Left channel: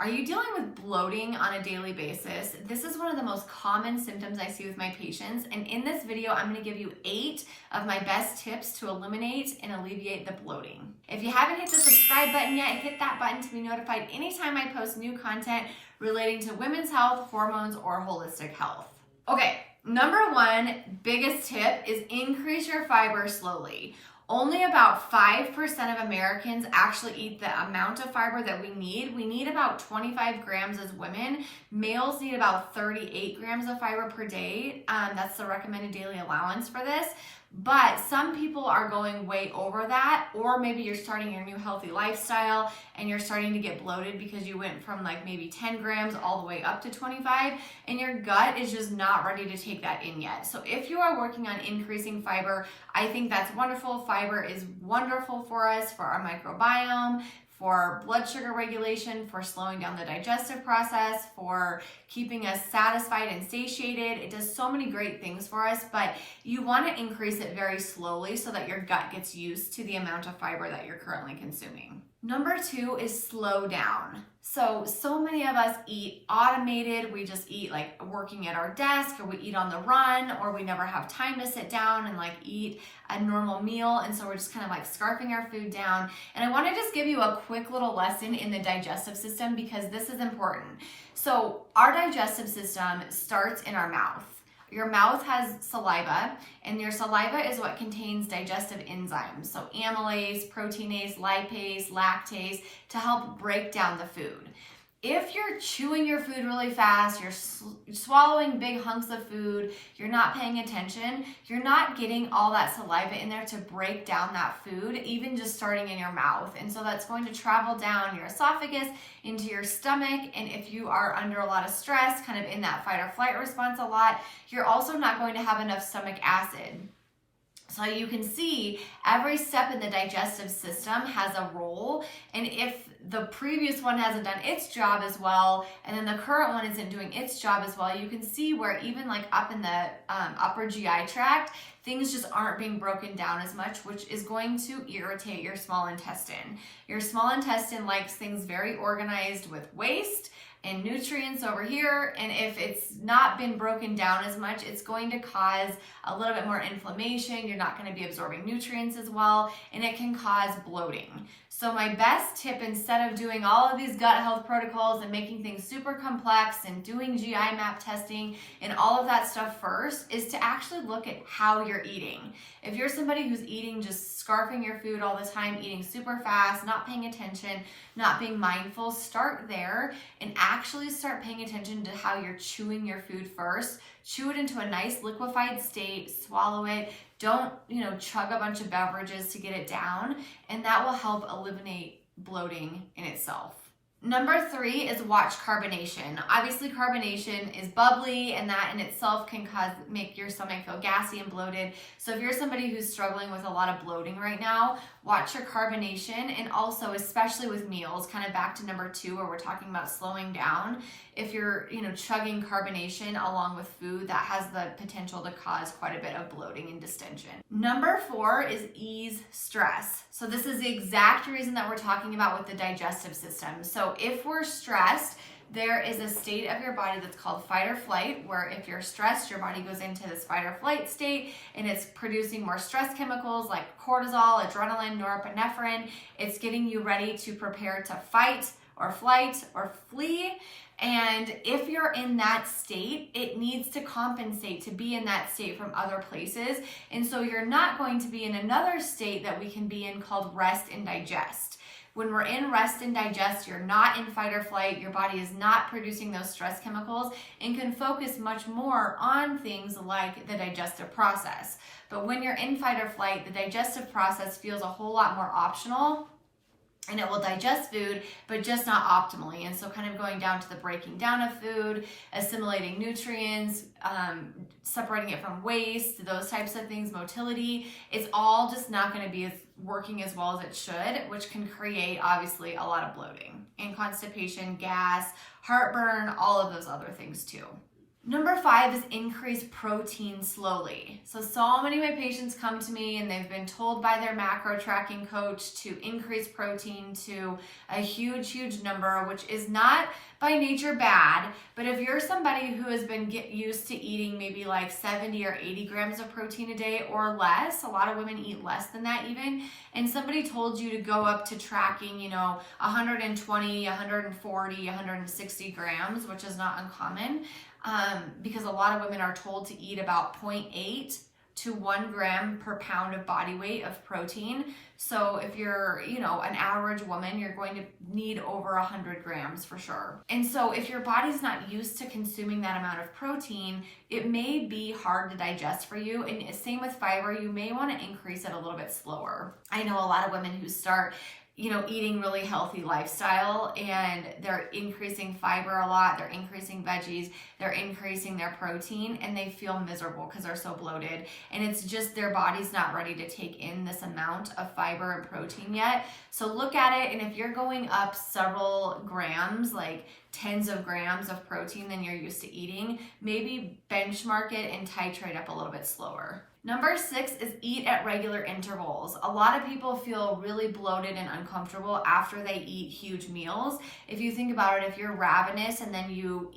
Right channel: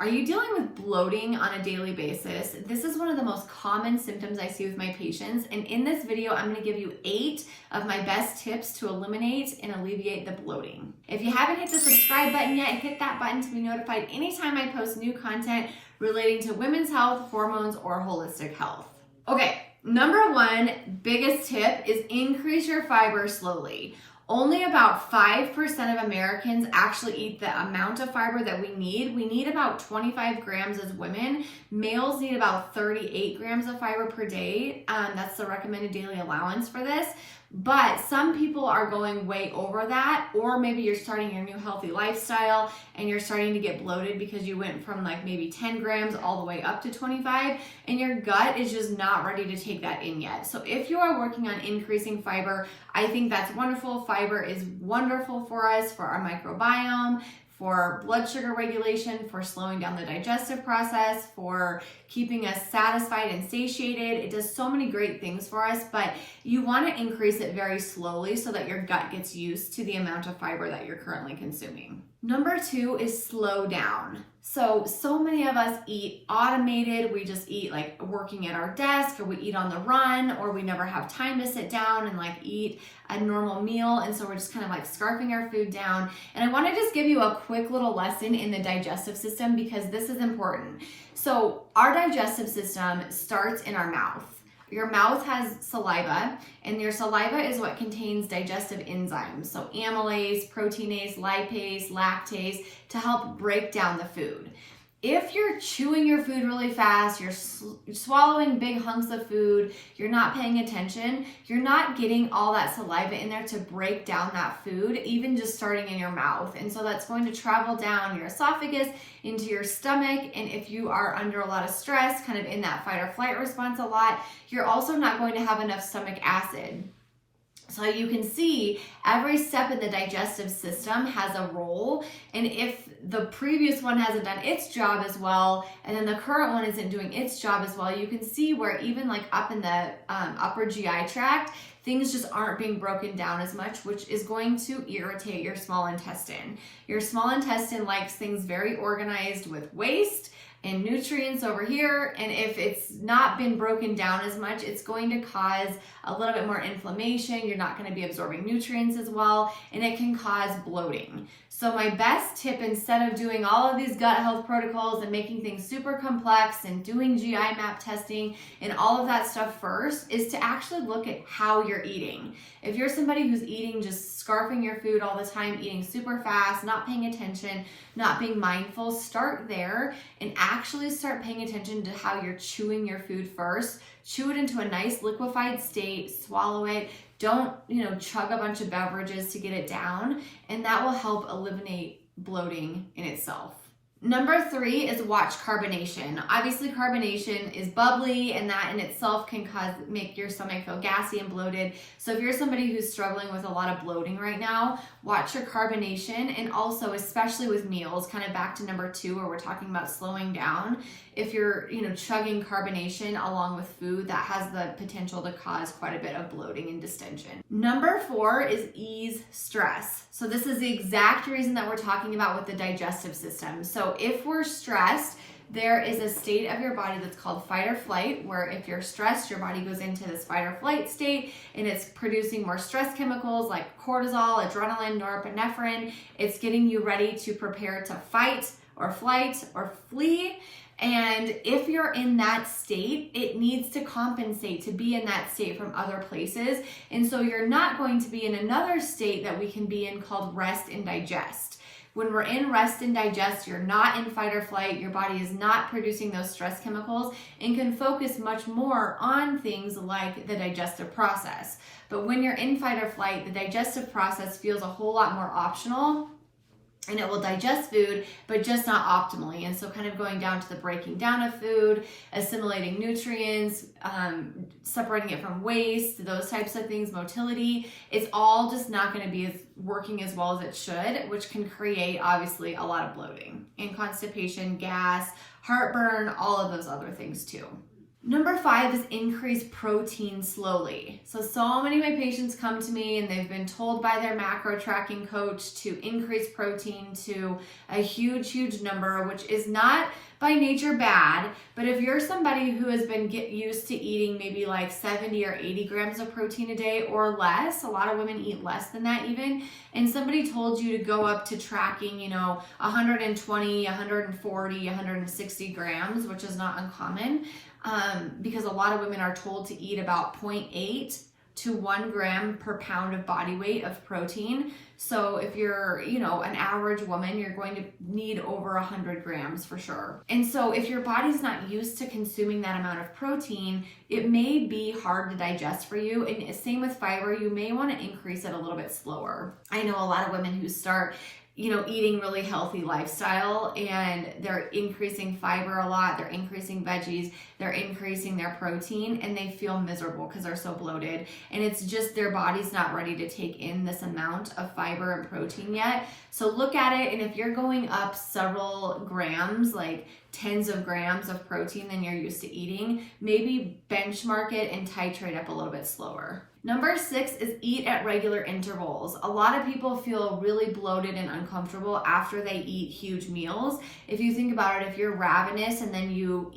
Are you dealing with bloating on a daily basis? This is one of the most common symptoms I see with my patients, and in this video, I'm going to give you 8 of my best tips to eliminate and alleviate the bloating. If you haven't hit the subscribe button yet, hit that button to be notified anytime I post new content relating to women's health, hormones, or holistic health. Okay, number 1 biggest tip is increase your fiber slowly. Only about 5% of Americans actually eat the amount of fiber that we need. We need about 25 grams as women. Males need about 38 grams of fiber per day. That's the recommended daily allowance for this. But some people are going way over that, or maybe you're starting your new healthy lifestyle and you're starting to get bloated because you went from like maybe 10 grams all the way up to 25 and your gut is just not ready to take that in yet. So if you are working on increasing fiber, I think that's wonderful. Fiber is wonderful for us, for our microbiome, for blood sugar regulation, for slowing down the digestive process, for keeping us satisfied and satiated. It does so many great things for us, but you want to increase it very slowly so that your gut gets used to the amount of fiber that you're currently consuming. Number 2 is slow down. So many of us eat automated. We just eat like working at our desk, or we eat on the run, or we never have time to sit down and like eat a normal meal. And so we're just kind of like scarfing our food down. And I want to just give you a quick little lesson in the digestive system because this is important. So our digestive system starts in our mouth. Your mouth has saliva, and your saliva is what contains digestive enzymes. So amylase, proteinase, lipase, lactase to help break down the food. If you're chewing your food really fast, you're swallowing big hunks of food, you're not paying attention, you're not getting all that saliva in there to break down that food, even just starting in your mouth. And so that's going to travel down your esophagus into your stomach. And if you are under a lot of stress, kind of in that fight or flight response a lot, you're also not going to have enough stomach acid. So you can see every step in the digestive system has a role, and if the previous one hasn't done its job as well, and then the current one isn't doing its job as well, you can see where even like up in the upper GI tract, things just aren't being broken down as much, which is going to irritate your small intestine. Your small intestine likes things very organized with waste and nutrients over here, and if it's not been broken down as much, it's going to cause a little bit more inflammation. You're not going to be absorbing nutrients as well, and it can cause bloating. So my best tip, instead of doing all of these gut health protocols and making things super complex and doing GI map testing and all of that stuff first, is to actually look at how you're eating. If you're somebody who's eating, just scarfing your food all the time, eating super fast, not paying attention, not being mindful, start there and actually start paying attention to how you're chewing your food first. Chew it into a nice liquefied state, swallow it. Don't, chug a bunch of beverages to get it down, and that will help eliminate bloating in itself. Number 3 is watch carbonation. Obviously, carbonation is bubbly, and that in itself can make your stomach feel gassy and bloated. So if you're somebody who's struggling with a lot of bloating right now, watch your carbonation, and also especially with meals, kind of back to number 2 where we're talking about slowing down. If you're, chugging carbonation along with food, that has the potential to cause quite a bit of bloating and distension. Number 4 is ease stress. So this is the exact reason that we're talking about with the digestive system. So if we're stressed, there is a state of your body that's called fight or flight, where if you're stressed, your body goes into this fight or flight state, and it's producing more stress chemicals like cortisol, adrenaline, norepinephrine. It's getting you ready to prepare to fight or flight or flee. And if you're in that state, it needs to compensate to be in that state from other places. And so you're not going to be in another state that we can be in called rest and digest. When we're in rest and digest, you're not in fight or flight. Your body is not producing those stress chemicals and can focus much more on things like the digestive process. But when you're in fight or flight, the digestive process feels a whole lot more optional, and it will digest food, but just not optimally. And so kind of going down to the breaking down of food, assimilating nutrients, separating it from waste, those types of things, motility, it's all just not going to be working as well as it should, which can create obviously a lot of bloating and constipation, gas, heartburn, all of those other things too. Number 5 is increase protein slowly. So many of my patients come to me and they've been told by their macro tracking coach to increase protein to a huge number, which is not by nature bad. But if you're somebody who has been used to eating maybe like 70 or 80 grams of protein a day or less, a lot of women eat less than that even, and somebody told you to go up to tracking, 120, 140, 160 grams, which is not uncommon, because a lot of women are told to eat about 0.8 to 1 gram per pound of body weight of protein. So if you're, an average woman, you're going to need over 100 grams for sure. And so if your body's not used to consuming that amount of protein, it may be hard to digest for you. And same with fiber, you may want to increase it a little bit slower. I know a lot of women who start eating really healthy lifestyle and they're increasing fiber a lot, they're increasing veggies, they're increasing their protein, and they feel miserable because they're so bloated. And it's just their body's not ready to take in this amount of fiber and protein yet. So look at it, and if you're going up several grams, like tens of grams of protein than you're used to eating, maybe benchmark it and titrate up a little bit slower. Number 6 is eat at regular intervals. A lot of people feel really bloated and uncomfortable after they eat huge meals. If you think about it, if you're ravenous and then you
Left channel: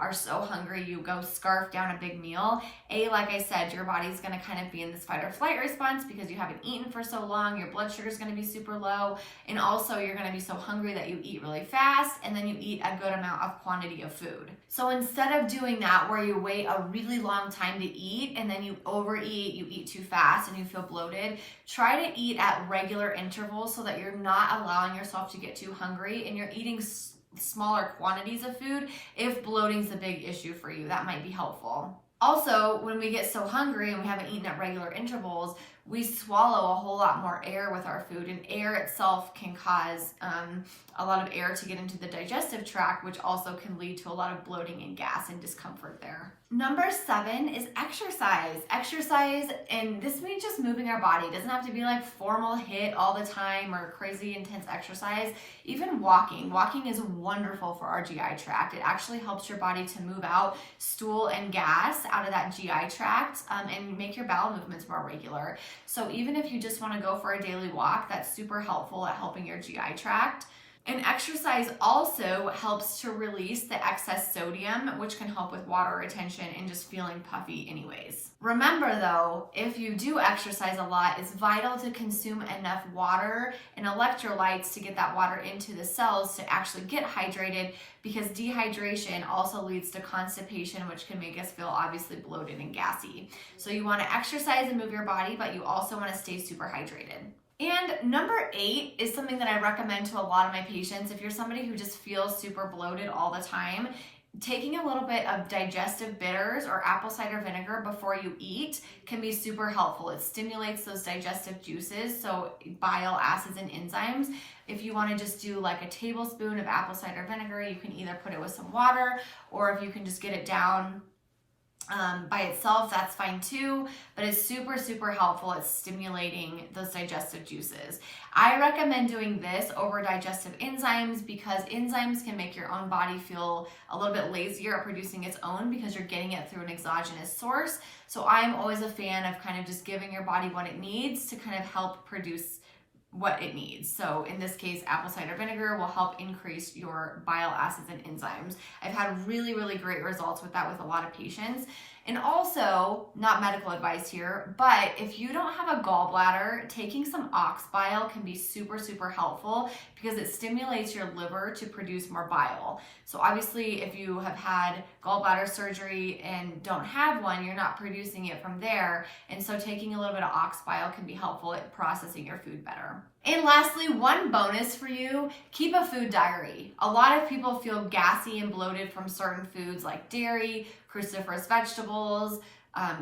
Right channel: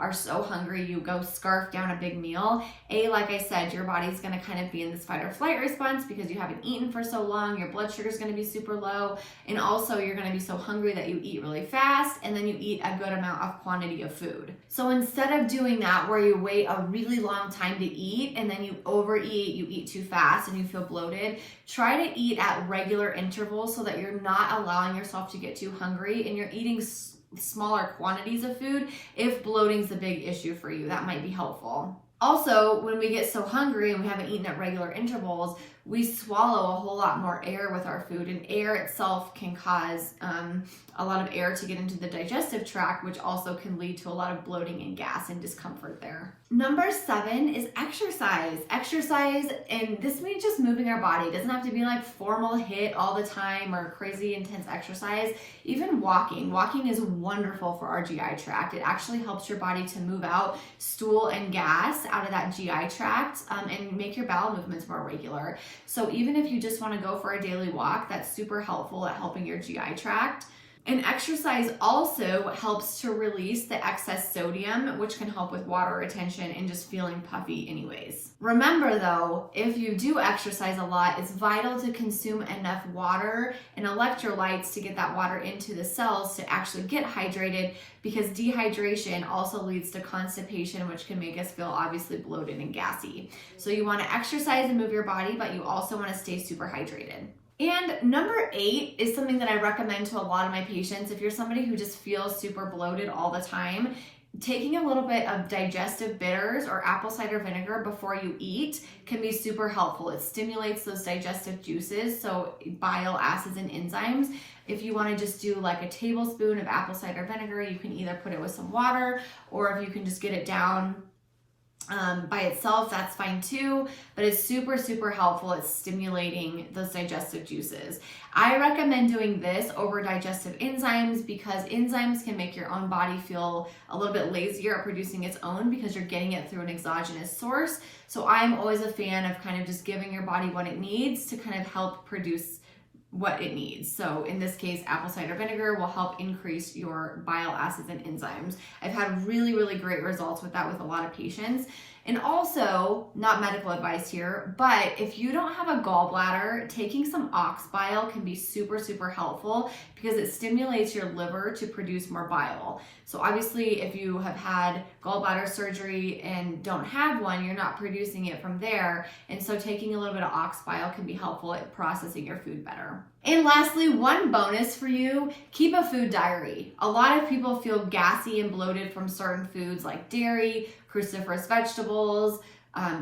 are so hungry, you go scarf down a big meal, like I said, your body's gonna kind of be in this fight or flight response because you haven't eaten for so long, your blood sugar is gonna be super low, and also you're gonna be so hungry that you eat really fast and then you eat a good amount of quantity of food. So instead of doing that where you wait a really long time to eat and then you overeat, you eat too fast and you feel bloated, try to eat at regular intervals so that you're not allowing yourself to get too hungry and you're eating smaller quantities of food. If bloating's a big issue for you, that might be helpful. Also, when we get so hungry and we haven't eaten at regular intervals, we swallow a whole lot more air with our food, and air itself can cause a lot of air to get into the digestive tract, which also can lead to a lot of bloating and gas and discomfort there. Number 7 is exercise. Exercise, and this means just moving our body. It doesn't have to be like formal HIIT all the time or crazy intense exercise. Even walking. Walking is wonderful for our GI tract. It actually helps your body to move out stool and gas out of that GI tract and make your bowel movements more regular. So even if you just want to go for a daily walk, that's super helpful at helping your GI tract. And exercise also helps to release the excess sodium, which can help with water retention and just feeling puffy anyways. Remember though, if you do exercise a lot, it's vital to consume enough water and electrolytes to get that water into the cells to actually get hydrated, because dehydration also leads to constipation, which can make us feel obviously bloated and gassy. So you want to exercise and move your body, but you also want to stay super hydrated. And number 8 is something that I recommend to a lot of my patients. If you're somebody who just feels super bloated all the time, taking a little bit of digestive bitters or apple cider vinegar before you eat can be super helpful. It stimulates those digestive juices, so bile acids and enzymes. If you want to just do like a tablespoon of apple cider vinegar, you can either put it with some water, or if you can just get it down by itself, that's fine too, but it's super helpful at stimulating those digestive juices. I recommend doing this over digestive enzymes because enzymes can make your own body feel a little bit lazier at producing its own because you're getting it through an exogenous source. So I'm always a fan of kind of just giving your body what it needs to kind of help produce what it needs. So in this case, apple cider vinegar will help increase your bile acids and enzymes. I've had really great results with that with a lot of patients. And also, not medical advice here, but if you don't have a gallbladder, taking some ox bile can be super helpful because it stimulates your liver to produce more bile. So obviously, if you have had gallbladder surgery and don't have one, you're not producing it from there. And so taking a little bit of ox bile can be helpful at processing your food better. And lastly, one bonus for you, keep a food diary. A lot of people feel gassy and bloated from certain foods like dairy, cruciferous vegetables,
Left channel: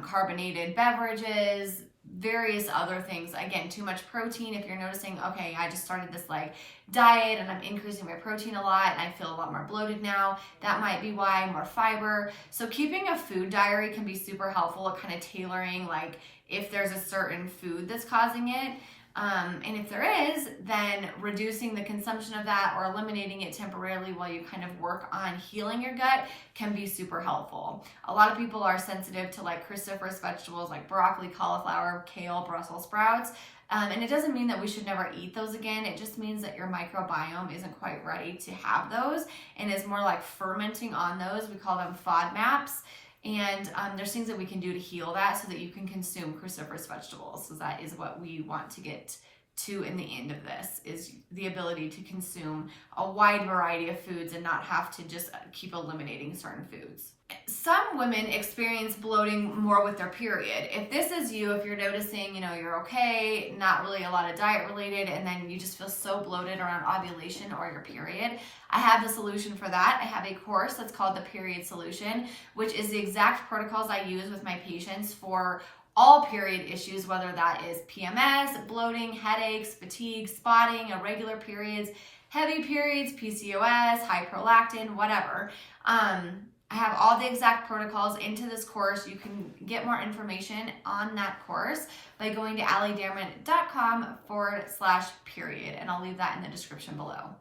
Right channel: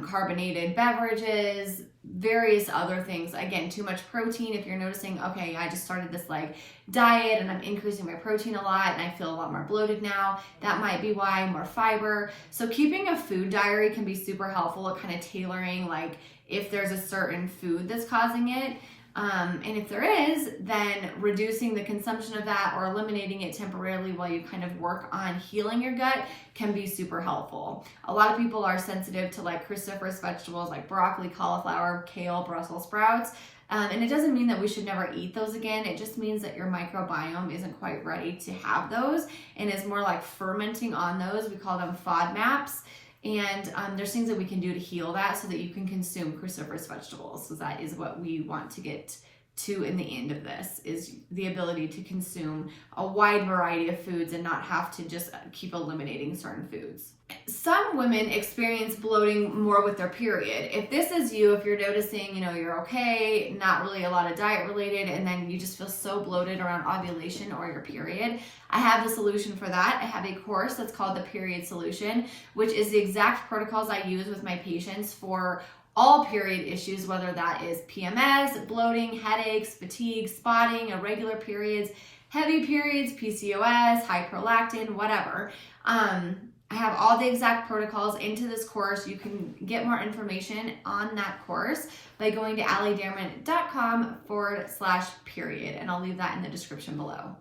carbonated beverages, various other things. Again, too much protein. If you're noticing, okay, I just started this like diet and I'm increasing my protein a lot and I feel a lot more bloated now, that might be why. More fiber. So keeping a food diary can be super helpful at kind of tailoring like if there's a certain food that's causing it. And if there is, then reducing the consumption of that or eliminating it temporarily while you kind of work on healing your gut can be super helpful. A lot of people are sensitive to like cruciferous vegetables like broccoli, cauliflower, kale, Brussels sprouts. And it doesn't mean that we should never eat those again. It just means that your microbiome isn't quite ready to have those and is more like fermenting on those. We call them FODMAPs. And there's things that we can do to heal that so that you can consume cruciferous vegetables. So that is what we want to get to in the end of this, is the ability to consume a wide variety of foods and not have to just keep eliminating certain foods. Some women experience bloating more with their period. If this is you, if you're noticing, you're okay, not really a lot of diet related, and then you just feel so bloated around ovulation or your period, I have the solution for that. I have a course that's called the Period Solution, which is the exact protocols I use with my patients for all period issues, whether that is PMS, bloating, headaches, fatigue, spotting, irregular periods, heavy periods, PCOS, high prolactin, whatever. I have all the exact protocols into this course. You can get more information on that course by going to alliedamron.com/period, and I'll leave that in the description below.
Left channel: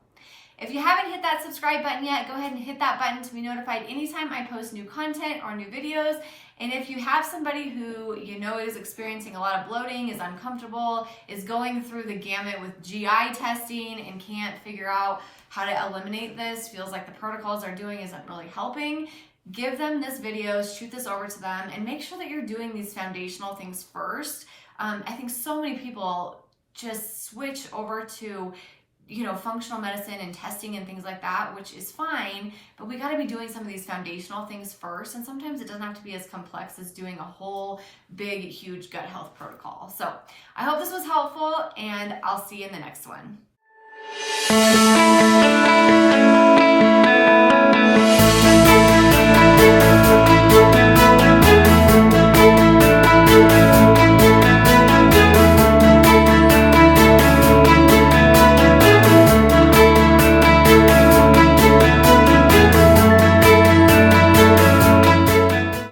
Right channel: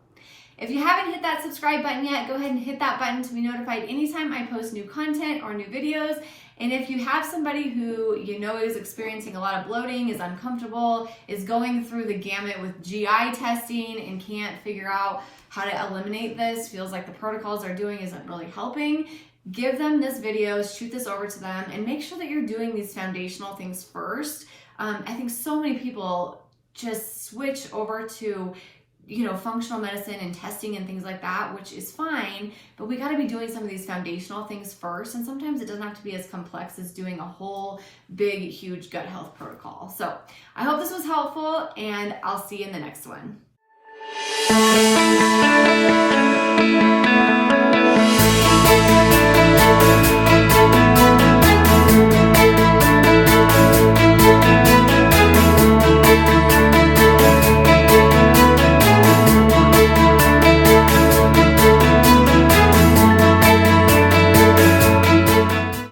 If you haven't hit that subscribe button yet, go ahead and hit that button to be notified anytime I post new content or new videos. And if you have somebody who is experiencing a lot of bloating, is uncomfortable, is going through the gamut with GI testing and can't figure out how to eliminate this, feels like the protocols they're doing isn't really helping, give them this video, shoot this over to them, and make sure that you're doing these foundational things first. I think so many people just switch over to functional medicine and testing and things like that, which is fine, but we got to be doing some of these foundational things first. And sometimes it doesn't have to be as complex as doing a whole big, huge gut health protocol. So I hope this was helpful, and I'll see you in the next one.